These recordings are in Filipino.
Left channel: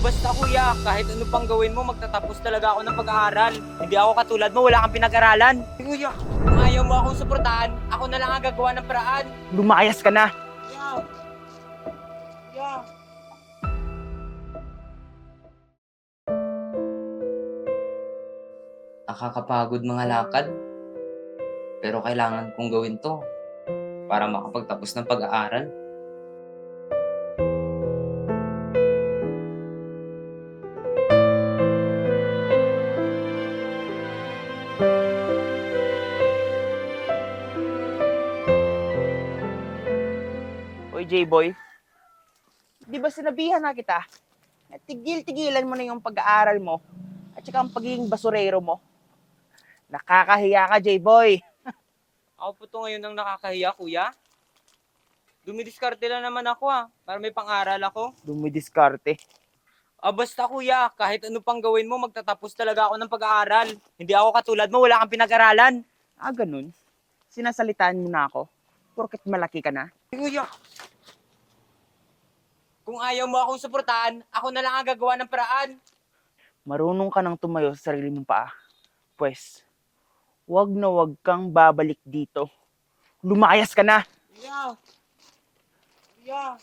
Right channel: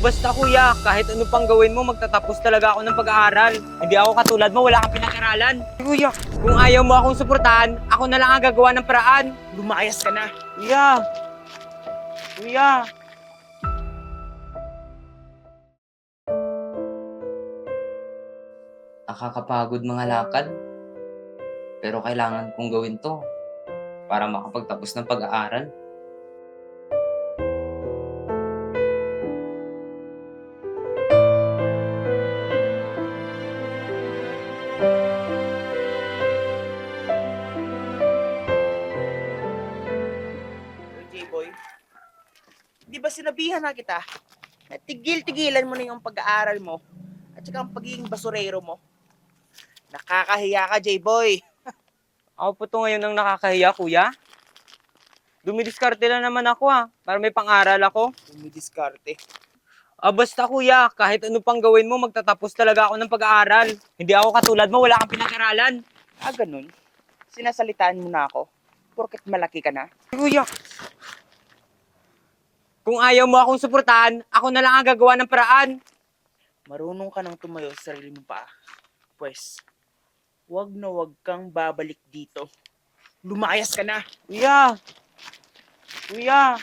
Basta kuya, kahit ano pang gawin mo, magtatapos talaga ako ng pag-aaral. Hindi ako katulad mo, wala kang pinag-aralan. Kuya, kung ayaw mo akong suportahan, ako na lang ang gagawa ng paraan. Lumayas ka na. Kuya! Kuya! Nakakapagod mga lakad. Pero kailangan kong gawin to para makapagtapos ng pag-aaral. Oy, J-boy. Di ba sinabihan na kita? Na tigil-tigilan mo na yung pag-aaral mo at saka ang pagiging basurero mo. Nakakahiya ka, J-boy. Ako po to ngayon ang nakakahiya, kuya. Dumidiskarte lang naman ako para may pang-aral ako. Dumidiskarte. Basta kuya, kahit ano pang gawin mo, magtatapos talaga ako ng pag-aaral. Hindi ako katulad mo, wala kang pinag-aralan. Ganun. Sinasalitaan mo na ako. Porket malaki ka na. Kuya, kung ayaw mo akong suportahan, ako na lang ang gagawa ng paraan. Marunong ka nang tumayo sa sarili mong paa. Pwes, wag na wag kang babalik dito. Lumayas ka na. Kuya! Kuya!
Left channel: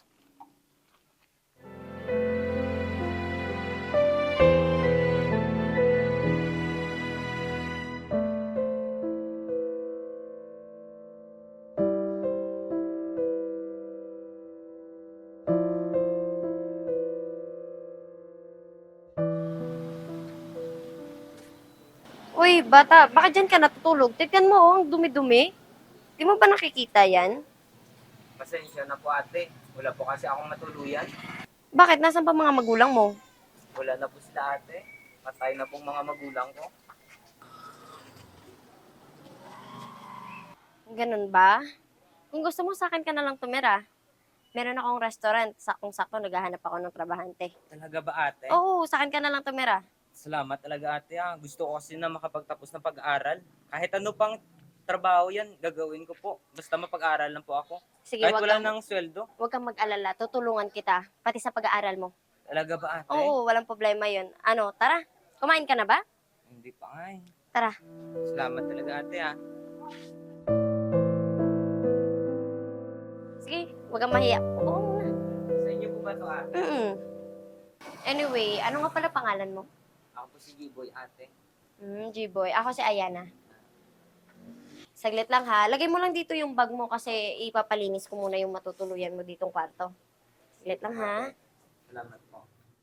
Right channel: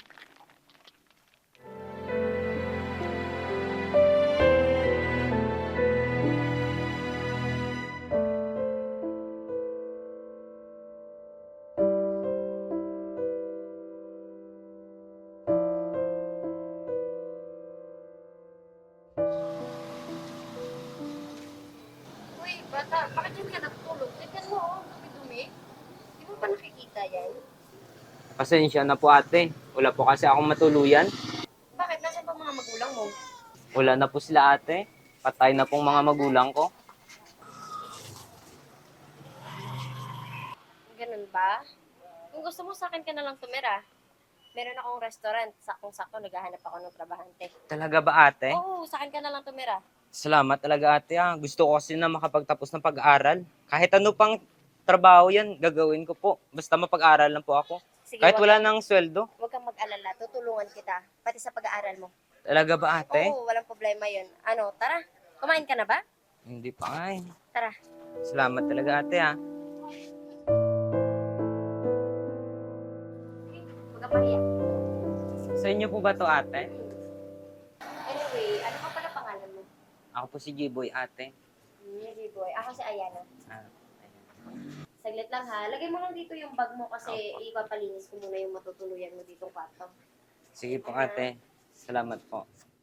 Uy, bata, bakit dyan ka natutulog? Tignan mo, oh, ang dumi-dumi. Di mo ba nakikita yan? Pasensya na po ate. Wala po kasi akong matuluyan. Bakit? Nasaan pa mga magulang mo? Wala na po sila ate. Patay na pong mga magulang ko. Ganun ba? Kung gusto mo, sa akin ka na lang tumira. Meron akong restaurant. Saktong-sakto, naghahanap ako ng trabahante. Talaga ba ate? Oo, sa akin ka na lang tumira. Salamat talaga ate Gusto ko kasi na makapagtapos ng pag-aaral. Kahit ano pang trabaho yan, gagawin ko po. Basta mapag-aral lang po ako. Sige, Kahit wala kang, nang sweldo. wag kang mag-alala. Tutulungan kita. Pati sa pag-aaral mo. Talaga ba ate? Oo, walang problema yun. Ano, tara. Kumain ka na ba? Hindi pa ay. Tara. Salamat talaga ate Sige, wag kang mahiya. Oo muna. Sa inyo po ba to ate? Anyway, ano nga pala pangalan mo? Ako po si G-Boy ate. G-Boy. Ako si Ayana. Ah. Saglit lang ha. Lagay mo lang dito yung bag mo kasi ipapalinis ko muna yung matutuluyan mo ditong kwarto. Sige Wait po lang, ha? ate. Salamat po.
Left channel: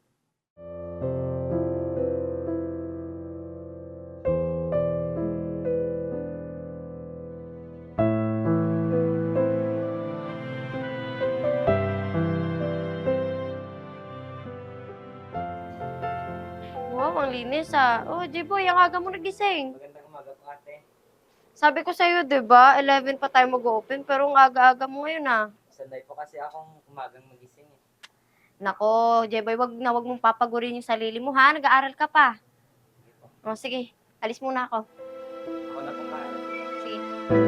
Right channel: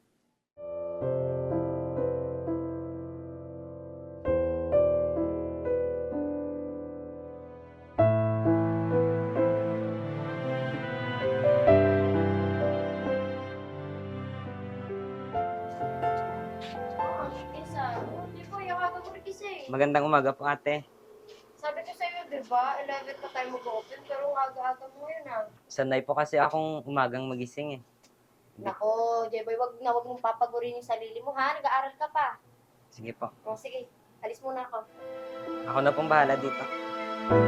Wow, ang linis ah. Oh, J-Boy, ang aga mo nagising. Magandang umaga po ate. Sabi ko sa'yo, di ba? 11 pa tayo mag-open, pero ang aga-aga mo ngayon ah. Sanay po kasi akong umagang magising Nako, J-Boy, wag mong papagurin yung sarili mo ha. Nag-aaral ka pa. Sige po. O, sige. Alis muna ako. Ako na pong bahala dito. Sige.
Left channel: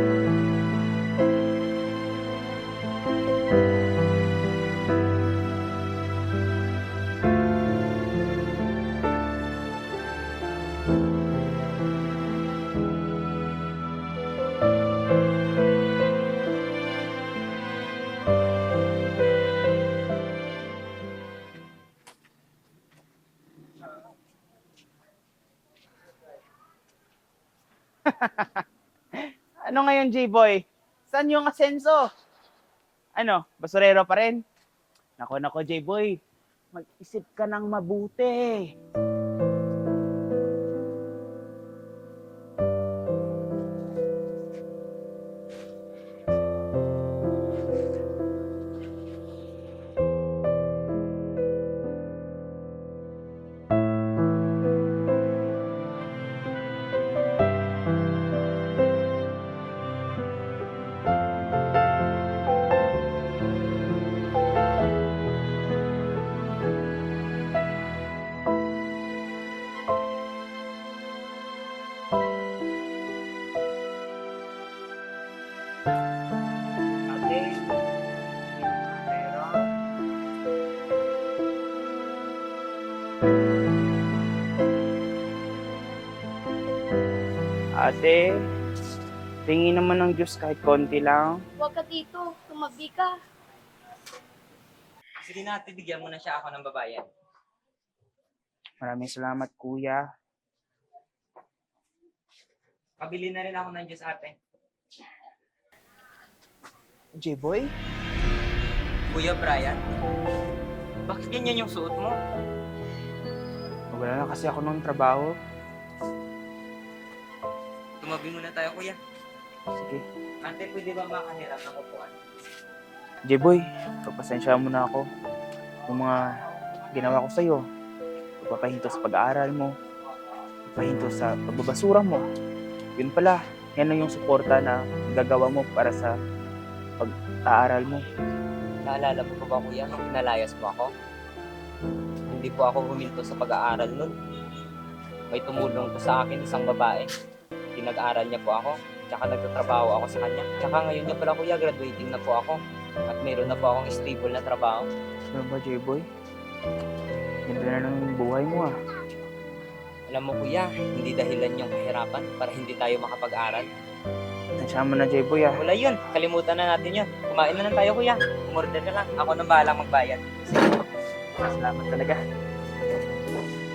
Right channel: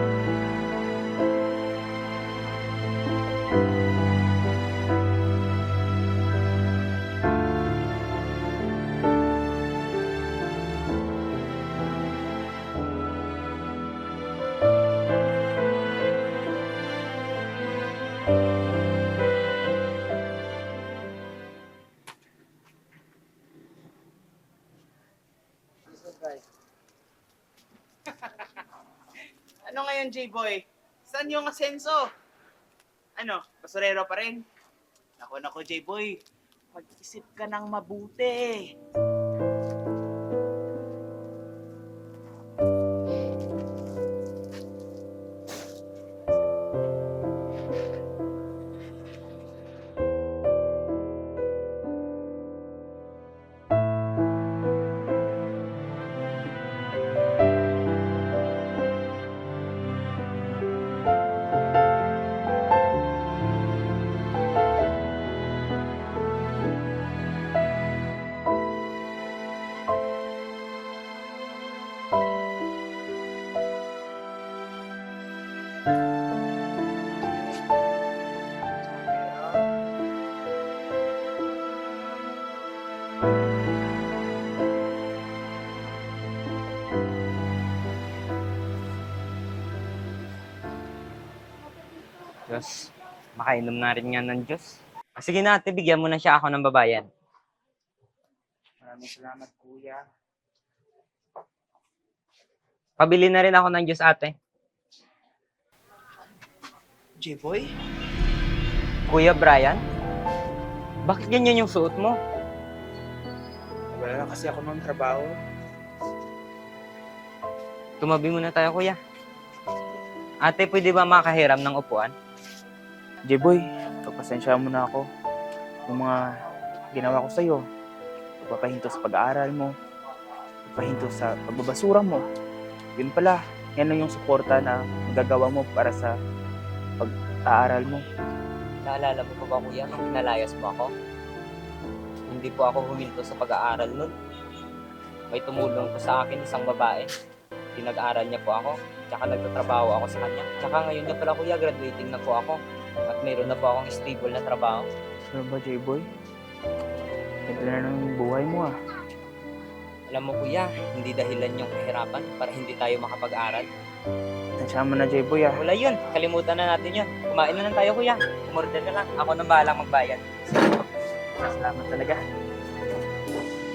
Ano ngayon, J-boy? Saan yung asenso? Ano, basurero pa rin? Nako, J-boy. Mag-isip ka ng mabuti. Ate, tingin naman ng Diyos kahit konti lang. Huwag ka dito. Yes. Umabdi ka. Makainom na rin nga ng Diyos. Sige na ate, bigyan mo na siya ako ng babayan. Maraming salamat, kuya. Pabili na rin ako ng Diyos ate. J-boy? Kuya Brian, bakit ganyan yung suot mo? Wala na kasi ako ng trabaho. Tumabi muna tayo kuya. Sige. Ate, pwede ba makahiram ng upuan? J-boy, pagpasensya mo na ako. Yung mga ginawa ko sa'yo, pagpapahinto sa pag-aaral mo, pagpapahinto sa pagbabasura mo. Yun pala, yan lang yung suporta na magagawa mo para sa pag-aaral mo. Naalala mo pa ba kuya nung pinalayas mo ako? Hindi po ako huminto sa pag-aaral nun. May tumulong po sa akin isang babae. Pinag-aaral niya po ako. Tsaka nagtatrabaho ako sa kanya. Tsaka ngayon niya pala kuya, graduating na po ako. At mayroon na po akong stable na trabaho. Ano ba, J-boy? Ganda na lang yung buhay mo ah. Alam mo kuya, hindi dahilan yung kahirapan para hindi tayo makapag-aral. Tansya mo na, J-boy ah. Wala yun, kalimutan na natin yun. Kumain na lang tayo kuya. Umorder ka lang. Ako nang bahalang magbayad. Salamat talaga.